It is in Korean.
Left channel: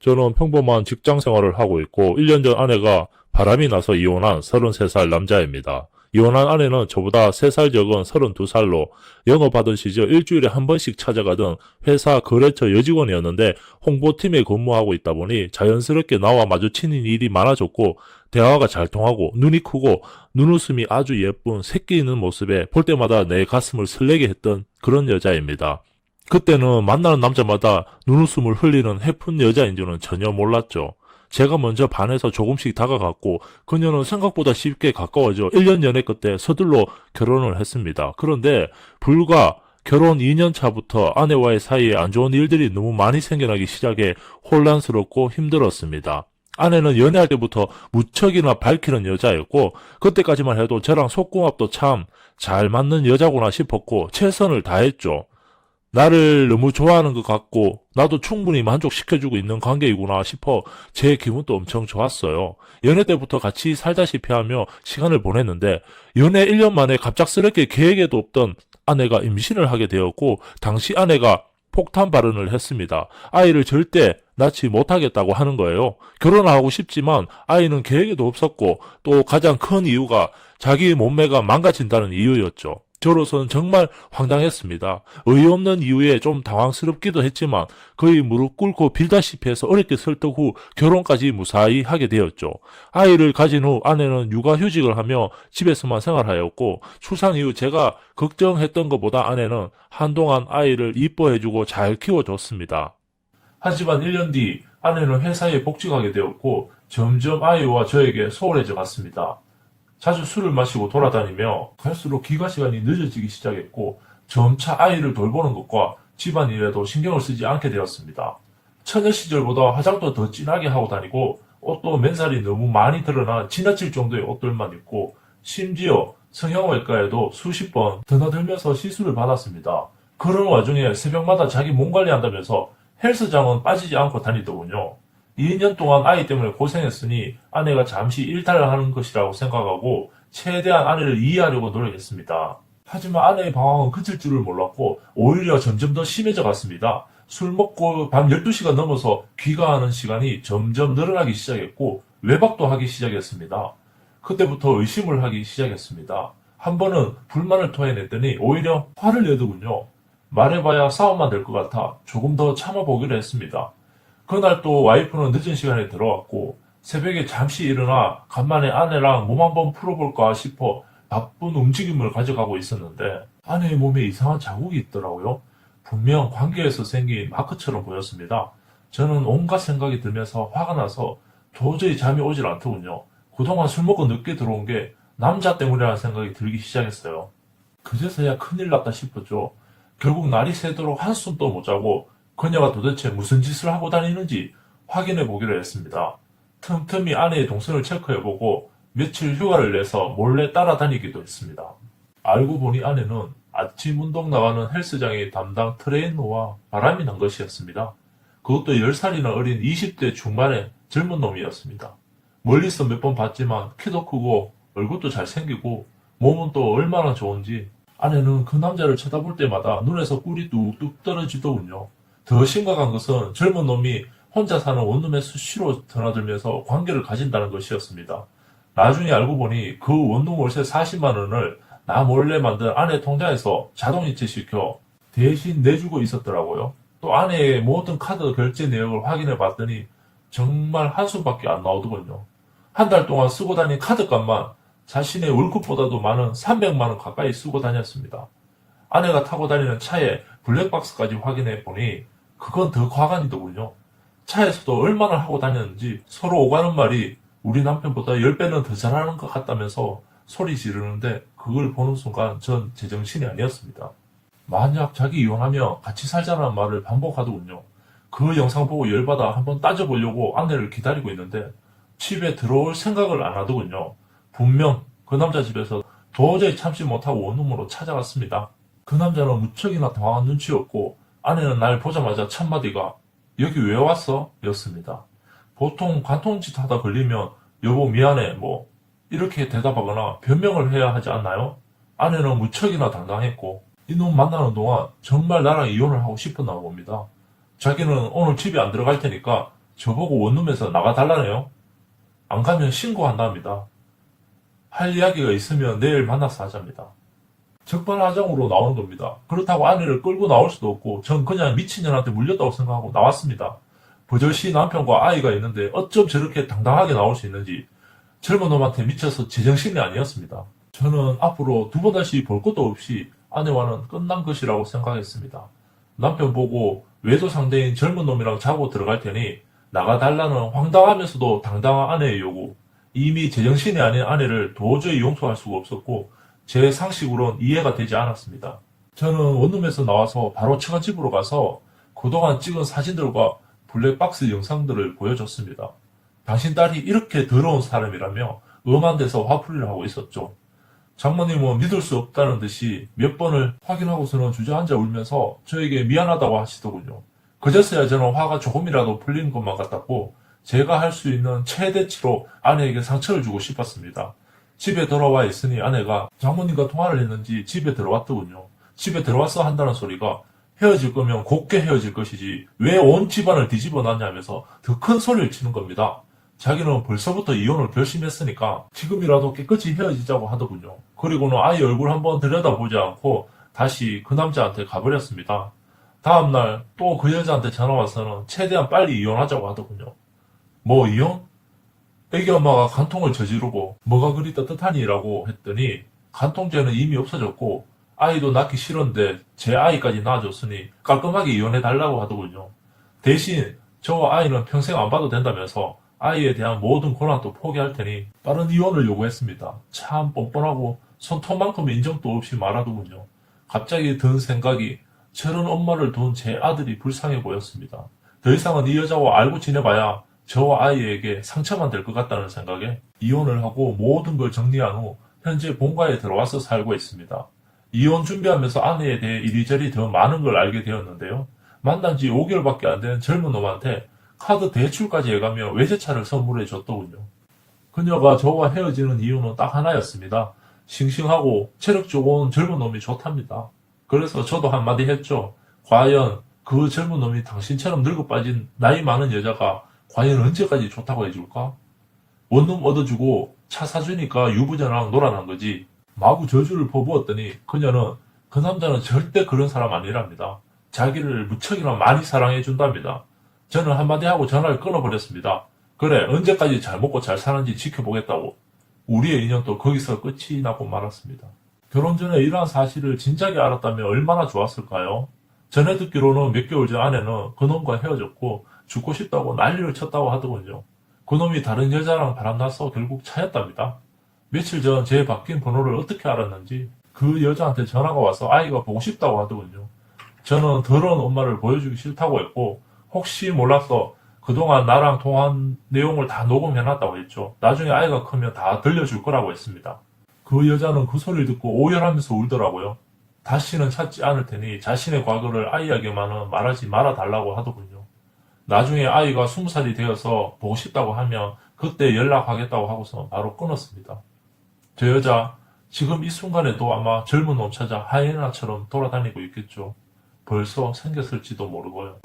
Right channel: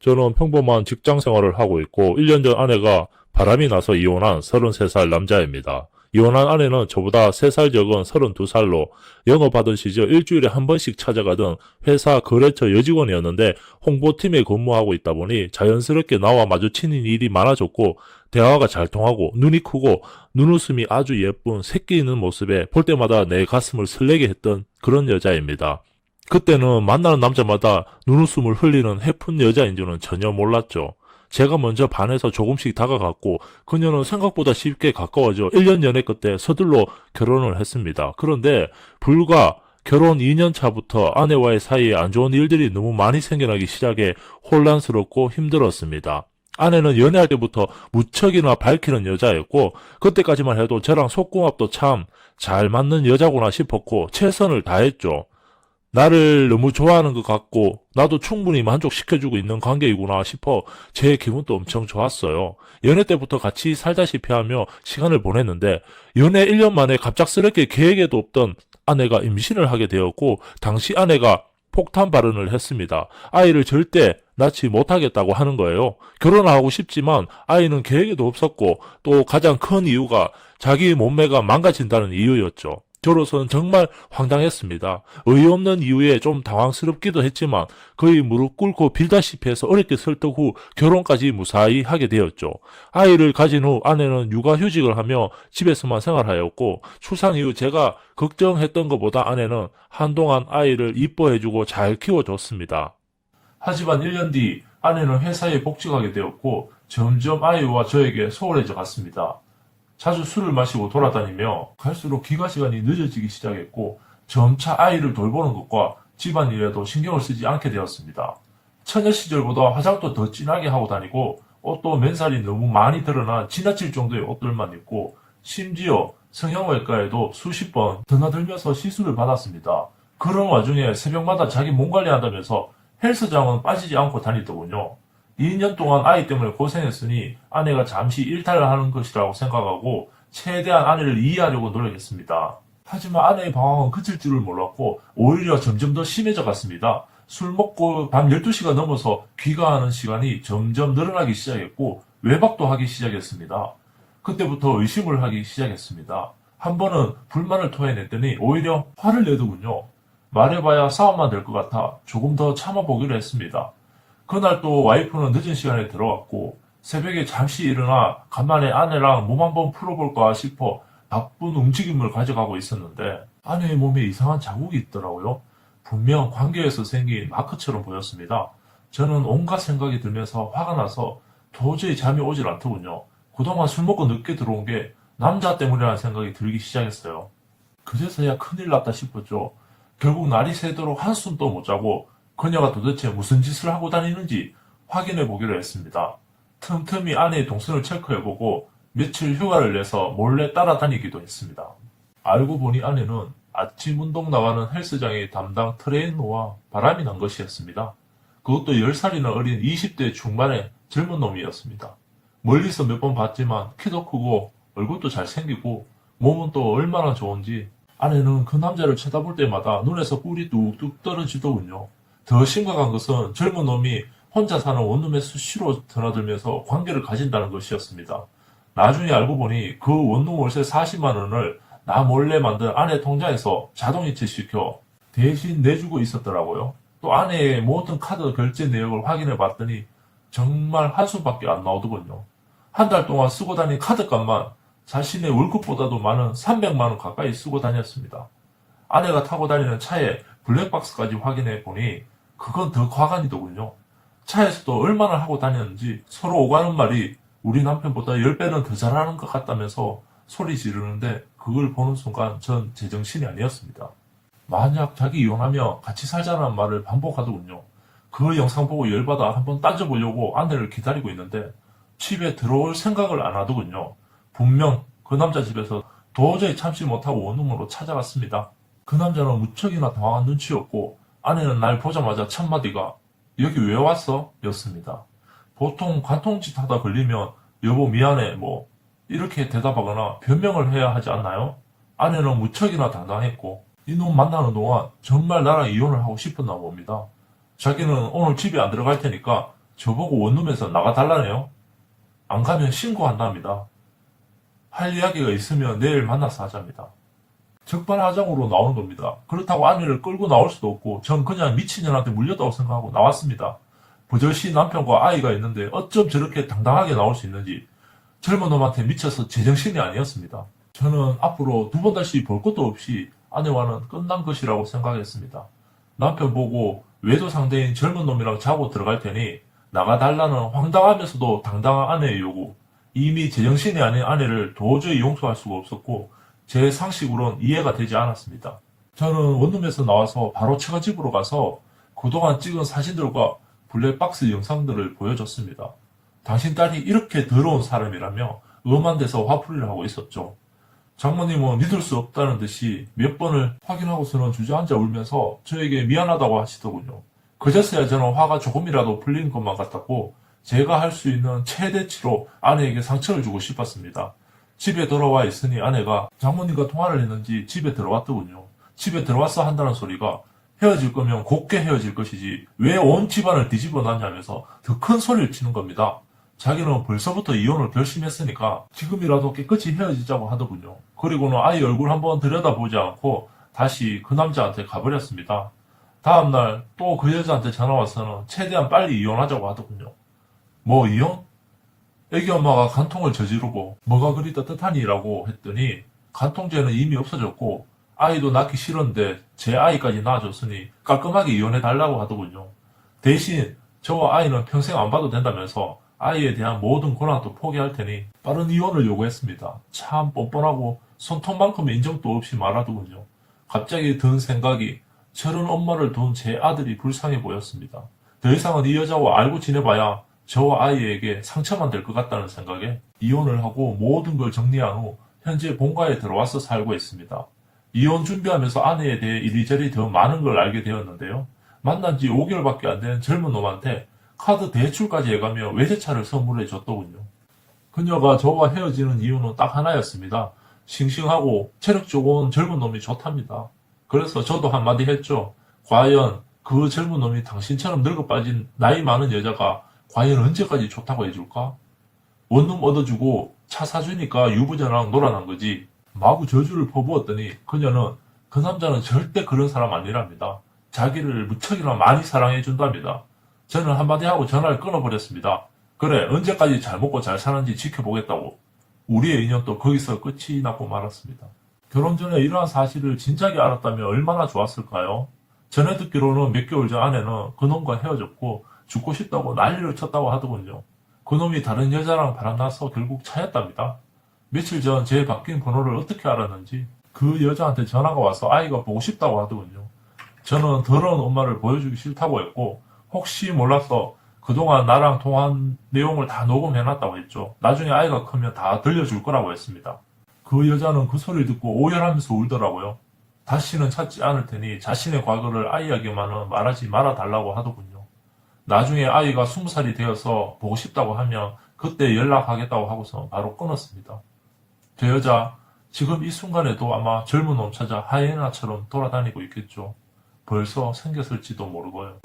저는 평범한 직장 생활을 하고 있고 1년 전 아내가 바람이 나서 이혼한 33살 남자입니다. 이혼한 아내는 저보다 3살 적은 32살로 영업하던 시절 일주일에 한 번씩 찾아가던 회사 거래처 여직원이었는데 홍보팀에 근무하고 있다 보니 자연스럽게 나와 마주치는 일이 많아졌고 대화가 잘 통하고 눈이 크고 눈웃음이 아주 예쁜 새끼 있는 모습에 볼 때마다 내 가슴을 설레게 했던 그런 여자입니다. 그때는 만나는 남자마다 눈웃음을 흘리는 해픈 여자인지는 전혀 몰랐죠. 제가 먼저 반해서 조금씩 다가갔고 그녀는 생각보다 쉽게 가까워져 1년 연애 끝에 서둘러 결혼을 했습니다. 그런데 불과 결혼 2년 차부터 아내와의 사이에 안 좋은 일들이 너무 많이 생겨나기 시작해 혼란스럽고 힘들었습니다. 아내는 연애할 때부터 무척이나 밝히는 여자였고 그때까지만 해도 저랑 속궁합도 참 잘 맞는 여자구나 싶었고 최선을 다했죠. 나를 너무 좋아하는 것 같고 나도 충분히 만족시켜주고 있는 관계이구나 싶어 제 기분도 엄청 좋았어요. 연애 때부터 같이 살다시피 하며 시간을 보냈는데 연애 1년 만에 갑작스럽게 계획에도 없던 아내가 임신을 하게 되었고 당시 아내가 폭탄 발언을 했습니다. 아이를 절대 낳지 못하겠다고 하는 거예요. 결혼하고 싶지만 아이는 계획에도 없었고 또 가장 큰 이유가 자기 몸매가 망가진다는 이유였죠. 저로서는 정말 황당했습니다. 어이없는 이유에 좀 당황스럽기도 했지만 거의 무릎 꿇고 빌다시피 해서 어렵게 설득 후 결혼까지 무사히 하게 되었죠. 아이를 가진 후 아내는 육아휴직을 하며 집에서만 생활하였고 출산 이후 제가 걱정했던 것보다 아내는 한동안 아이를 이뻐해주고 잘 키워줬습니다. 하지만 1년 뒤 아내는 회사에 복직하게 되었고 점점 아이와 저에게 소홀해져 갔습니다. 자주 술을 마시고 돌아다니며 갈수록 귀가 시간이 늦어지기 시작했고 점차 아이를 돌보는 것과 집안일에도 신경을 쓰지 않게 되었습니다. 처녀 시절보다 화장도 더 진하게 하고 다니고 옷도 맨살이 너무 많이 드러나 지나칠 정도의 옷들만 입고 심지어 성형외과에도 수십 번 드나들면서 시술을 받았습니다. 그런 와중에 새벽마다 자기 몸 관리한다면서 헬스장은 빠지지 않고 다니더군요. 2년 동안 아이 때문에 고생했으니 아내가 잠시 일탈을 하는 것이라고 생각하고 최대한 아내를 이해하려고 노력했습니다. 하지만 아내의 방황은 그칠 줄을 몰랐고 오히려 점점 더 심해져 갔습니다. 술 먹고 밤 12시가 넘어서 귀가하는 시간이 점점 늘어나기 시작했고 외박도 하기 시작했습니다. 그때부터 의심을 하기 시작했습니다. 한 번은 불만을 토해냈더니 오히려 화를 내더군요. 말해봐야 싸움만 될 것 같아 조금 더 참아보기로 했습니다. 그날 또 와이프는 늦은 시간에 들어왔고 새벽에 잠시 일어나 간만에 아내랑 몸 한번 풀어볼까 싶어 바쁜 움직임을 가져가고 있었는데 아내의 몸에 이상한 자국이 있더라고요. 분명 관계에서 생긴 마크처럼 보였습니다. 저는 온갖 생각이 들면서 화가 나서 도저히 잠이 오질 않더군요. 그동안 술 먹고 늦게 들어온 게 남자 때문이라는 생각이 들기 시작했어요. 그제서야 큰일 났다 싶었죠. 결국 날이 새도록 한숨도 못 자고 그녀가 도대체 무슨 짓을 하고 다니는지 확인해 보기로 했습니다. 틈틈이 아내의 동선을 체크해보고 며칠 휴가를 내서 몰래 따라다니기도 했습니다. 알고 보니 아내는 아침 운동 나가는 헬스장의 담당 트레이너와 바람이 난 것이었습니다. 그것도 10살이나 어린 20대 중반의 젊은 놈이었습니다. 멀리서 몇 번 봤지만 키도 크고 얼굴도 잘생기고 몸은 또 얼마나 좋은지 아내는 그 남자를 쳐다볼 때마다 눈에서 꿀이 뚝뚝 떨어지더군요. 더 심각한 것은 젊은 놈이 혼자 사는 원룸에 수시로 드나들면서 관계를 가진다는 것이었습니다. 나중에 알고 보니 그 원룸 월세 40만 원을 나 몰래 만든 아내 통장에서 자동이체시켜 대신 내주고 있었더라고요. 또 아내의 모든 카드 결제 내역을 확인해 봤더니 정말 한숨밖에 안 나오더군요. 한 달 동안 쓰고 다닌 카드값만 자신의 월급보다도 많은 300만 원 가까이 쓰고 다녔습니다. 아내가 타고 다니는 차에 블랙박스까지 확인해 보니 그건 더 과간이더군요. 차에서도 얼마나 하고 다녔는지 서로 오가는 말이 우리 남편보다 10배는 더 잘하는 것 같다면서 소리 지르는데 그걸 보는 순간 전 제정신이 아니었습니다. 만약 자기 이혼하면 같이 살자는 말을 반복하더군요. 그 영상 보고 열받아 한번 따져보려고 아내를 기다리고 있는데 집에 들어올 생각을 안 하더군요. 분명 그 남자 집에서 도저히 참지 못하고 원룸으로 찾아갔습니다. 그 남자는 무척이나 당황한 눈치였고 아내는 날 보자마자 첫마디가 여기 왜 왔어? 였습니다. 보통 관통짓 하다 걸리면 여보 미안해 뭐 이렇게 대답하거나 변명을 해야 하지 않나요? 아내는 무척이나 당당했고 이놈 만나는 동안 정말 나랑 이혼을 하고 싶었나 봅니다. 자기는 오늘 집에 안 들어갈 테니까 저보고 원룸에서 나가달라네요. 안 가면 신고한답니다. 할 이야기가 있으면 내일 만나서 하자입니다. 적반하장으로 나오는 겁니다. 그렇다고 아내를 끌고 나올 수도 없고 전 그냥 미친년한테 물렸다고 생각하고 나왔습니다. 버젓이 남편과 아이가 있는데 어쩜 저렇게 당당하게 나올 수 있는지 젊은 놈한테 미쳐서 제정신이 아니었습니다. 저는 앞으로 두 번 다시 볼 것도 없이 아내와는 끝난 것이라고 생각했습니다. 남편 보고 외도 상대인 젊은 놈이랑 자고 들어갈 테니 나가달라는 황당하면서도 당당한 아내의 요구. 이미 제정신이 아닌 아내를 도저히 용서할 수가 없었고 제 상식으로는 이해가 되지 않았습니다. 저는 원룸에서 나와서 바로 처갓집으로 가서 그동안 찍은 사진들과 블랙박스 영상들을 보여줬습니다. 당신 딸이 이렇게 더러운 사람이라며 엄한 데서 화풀이를 하고 있었죠. 장모님은 믿을 수 없다는 듯이 몇 번을 확인하고서는 주저앉아 울면서 저에게 미안하다고 하시더군요. 그제서야 저는 화가 조금이라도 풀린 것만 같았고 제가 할 수 있는 최대치로 아내에게 상처를 주고 싶었습니다. 집에 돌아와 있으니 아내가 장모님과 통화를 했는지 집에 들어왔더군요. 집에 들어와서 한다는 소리가 헤어질 거면 곱게 헤어질 것이지 왜 온 집안을 뒤집어 놨냐면서 더 큰 소리를 치는 겁니다. 자기는 벌써부터 이혼을 결심했으니까 지금이라도 깨끗이 헤어지자고 하더군요. 그리고는 아이 얼굴 한번 들여다보지 않고 다시 그 남자한테 가버렸습니다. 다음날 또 그 여자한테 전화와서는 최대한 빨리 이혼하자고 하더군요. 뭐 이혼? 애기 엄마가 간통을 저지르고 뭐가 그리 떳떳하니라고 했더니 간통죄는 이미 없어졌고 아이도 낳기 싫은데 제 아이까지 낳아줬으니 깔끔하게 이혼해달라고 하더군요. 대신 저 아이는 평생 안 봐도 된다면서 아이에 대한 모든 권한도 포기할 테니 빠른 이혼을 요구했습니다. 참 뻔뻔하고 손톱만큼 인정도 없이 말하더군요. 갑자기 든 생각이 저런 엄마를 둔 제 아들이 불쌍해 보였습니다. 더 이상은 이 여자와 알고 지내봐야 저 아이에게 상처만 될 것 같다는 생각에 이혼을 하고 모든 걸 정리한 후 현재 본가에 들어와서 살고 있습니다. 이혼 준비하면서 아내에 대해 이리저리 더 많은 걸 알게 되었는데요. 만난 지 5개월밖에 안 된 젊은 놈한테 카드 대출까지 해가며 외제차를 선물해 줬더군요. 그녀가 저와 헤어지는 이유는 딱 하나였습니다. 싱싱하고 체력 좋은 젊은 놈이 좋답니다. 그래서 저도 한마디 했죠. 과연 그 젊은 놈이 당신처럼 늙어 빠진 나이 많은 여자가 과연 언제까지 좋다고 해줄까? 원룸 얻어주고 차 사주니까 유부녀랑 놀아난 거지. 마구 저주를 퍼부었더니 그녀는 그 남자는 절대 그런 사람 아니랍니다. 자기를 무척이나 많이 사랑해준답니다. 저는 한마디 하고 전화를 끊어버렸습니다. 그래, 언제까지 잘 먹고 잘 사는지 지켜보겠다고. 우리의 인연도 거기서 끝이 나고 말았습니다. 결혼 전에 이러한 사실을 진작에 알았다면 얼마나 좋았을까요? 전해 듣기로는 몇 개월 전 아내는 그놈과 헤어졌고 죽고 싶다고 난리를 쳤다고 하더군요. 그놈이 다른 여자랑 바람나서 결국 차였답니다. 며칠 전 제 바뀐 번호를 어떻게 알았는지 그 여자한테 전화가 와서 아이가 보고 싶다고 하더군요. 저는 더러운 엄마를 보여주기 싫다고 했고 혹시 몰라서 그동안 나랑 통화한 내용을 다 녹음해놨다고 했죠. 나중에 아이가 크면 다 들려줄 거라고 했습니다. 그 여자는 그 소리를 듣고 오열하면서 울더라고요. 다시는 찾지 않을 테니 자신의 과거를 아이에게만은 말하지 말아달라고 하더군요. 나중에 아이가 20살이 되어서 보고 싶다고 하면 그때 연락하겠다고 하고서 바로 끊었습니다. 저 여자 지금 이 순간에도 아마 젊은 놈 찾아 하이에나처럼 돌아다니고 있겠죠. 벌써 생겼을지도 모르고요.